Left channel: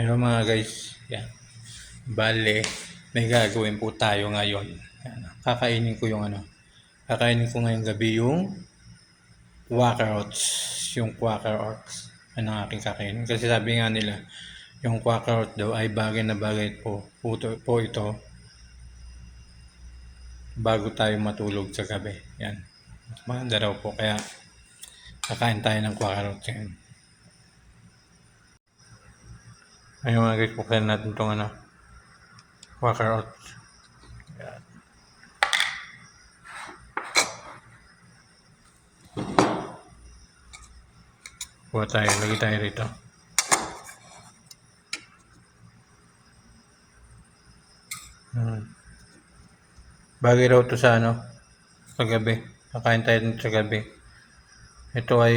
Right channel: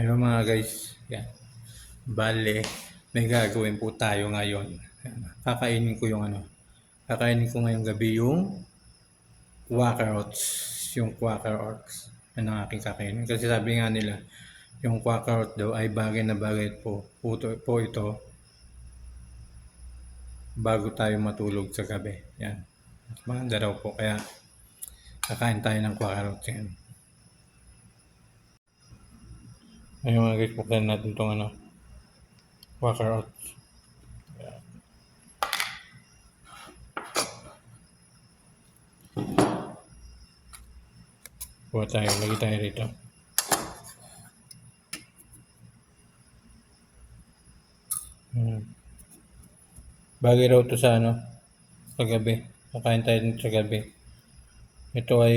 Hello mga guys, yan. Bale, may gagawin po tayo ngayon. Yan. Kakainin ko ngayong gabi yung quaker oats. Yung quaker oats. Ano ang aking kakainin? Kasi sabi nga nila, yung quaker oats daw ay bagay na bagay po ito bago tayo matulog sa gabi. Yan. Maganda daw po, kaya kakain tayo ng quaker oats yan. Ayun mga guys, buksan natin itong quaker oats. Yan. Kuha tayo, lagi tayo rito. Bagay raw ito sa sa gabi. Kakain tayo dito sa gabi. Ito ay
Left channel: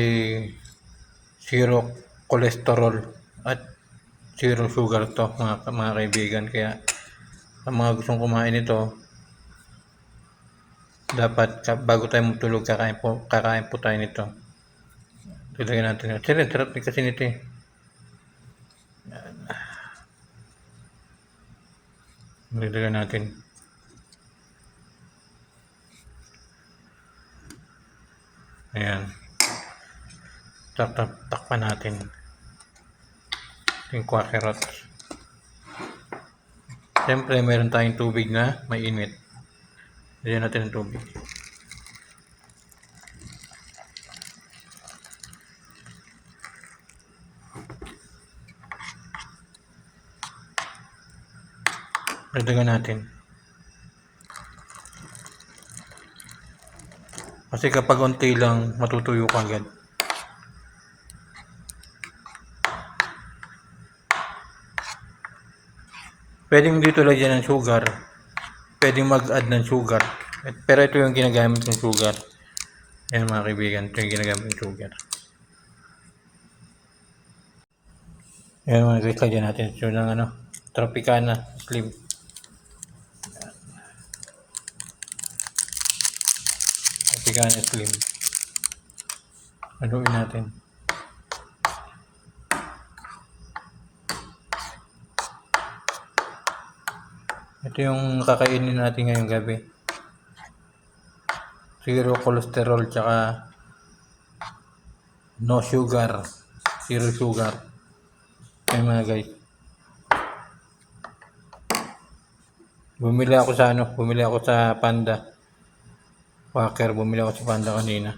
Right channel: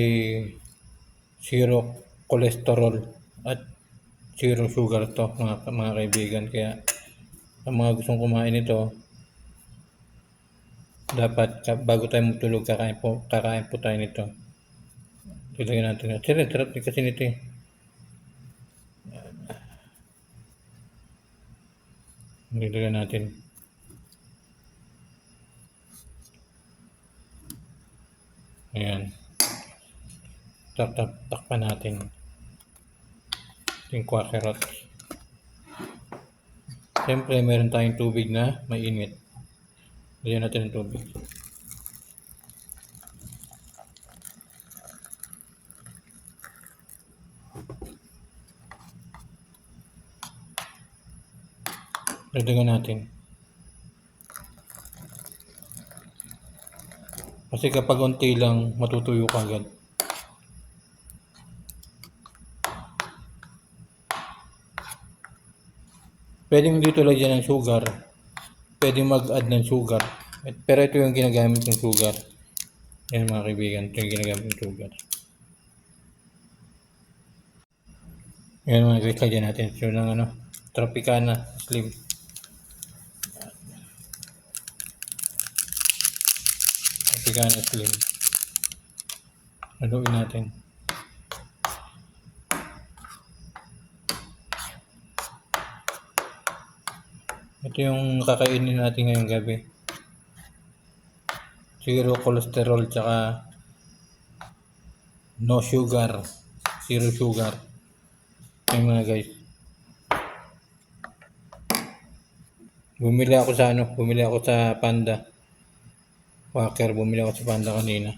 zero cholesterol at zero sugar to mga kaibigan. Kaya ang mga gustong kumain ito, dapat bago tayo matulog kakain po tayo nito. Tulagyan natin. Sarap din kasi nito eh. Nilagyan natin. Ayan. Takpan natin. Yung quaker oats. Siyempre, meron tayong tubig na mainit. Lagyan natin ng tubig. Dagdagan natin. Kasi kapag unti lang, matutuyo ka agad. Pwedeng dito lagyan ng sugar. Pwedeng mag-add ng sugar. Pero ito yung ginagamit ng sugar. Yan mga kaibigan, ito yung ginagamit ng sugar. Yan mga guys, lagyan natin ito ng Tropicana Slim. Tropicana Slim. Haluin natin. Ito yung kakainin natin ngayong gabi. Zero cholesterol tsaka no sugar. Zero sugar. Ayun mga guys. Bumili ako sa Panda. Quaker, bumili ako sa Panda kanina.